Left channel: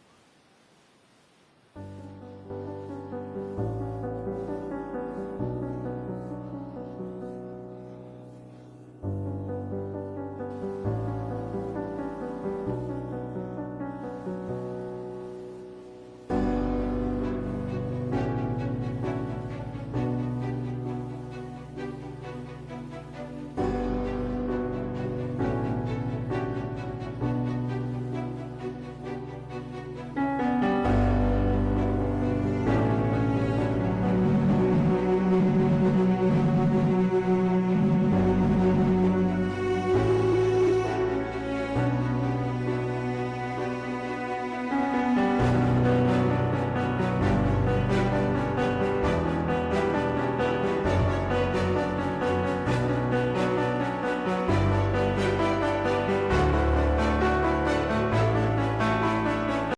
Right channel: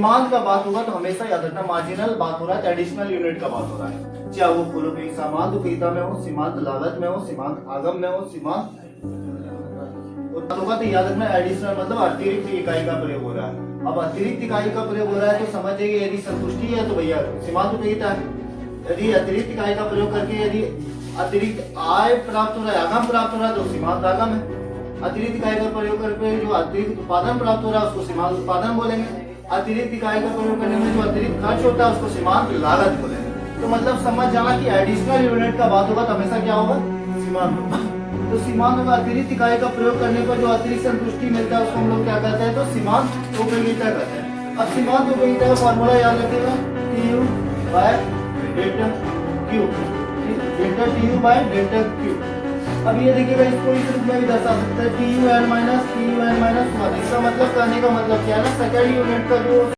सीमांत का बात होगा तो हमेशा याद रखना मार्जिनल बात हो रहा है, एडिशनल यूनिट का बात हो रहा है, चाहे वो पूर्व की सीमांत उपयोगिता में हो, सीमांत लागत में हो, सीमांत आगम में हो, सीमांत होगा तो याद रखना एडिशनल मतलब अतिरिक्त इकाई का प्रयोग हो रहा है। अब अतिरिक्त इकाई का प्रयोग हो रहा है तो समझिए यदि संतुष्टि है तो भैया सीमांत उपयोगिता है। यदि अतिरिक्त इकाई का प्रयोग करके यदि अतिरिक्त आय प्राप्त हो रहा है, आगम प्राप्त हो रहा है तो सीमांत आगम है। अतिरिक्त इकाई का प्रयोग करके जो अतिरिक्त उत्पादन प्राप्त हो रहा है उसको सीमांत उत्पादन बोलेंगे। अतिरिक्त इकाई का प्रयोग करने में जो अतिरिक्त खर्च होता है उसको सीमांत लागत बोलेंगे। तो मतलब समझ जाना कि एडिशनल यूनिट का बात होगा तो हमेशा क्या होगा, सीमांत। तो सीमांत में अतिरिक्त इकाई का प्रयोग करने पर जो अतिरिक्त संतुष्टि मिलता है उसको हम लोग क्या कहते हैं, तो सीमांत उपयोगिता कहते हैं। अब सीमांत उपयोगिता का फॉर्मूला याद रखिएगा, TU by delta Q, delta TU by delta Q। अब ये देखिएगा इसको इस रूप में भी दर्शा सकते हैं, TUN माइनस TUN माइनस 1। इसका मतलब कहने का मतलब क्या है ना, सेकेंड यूनिट का जो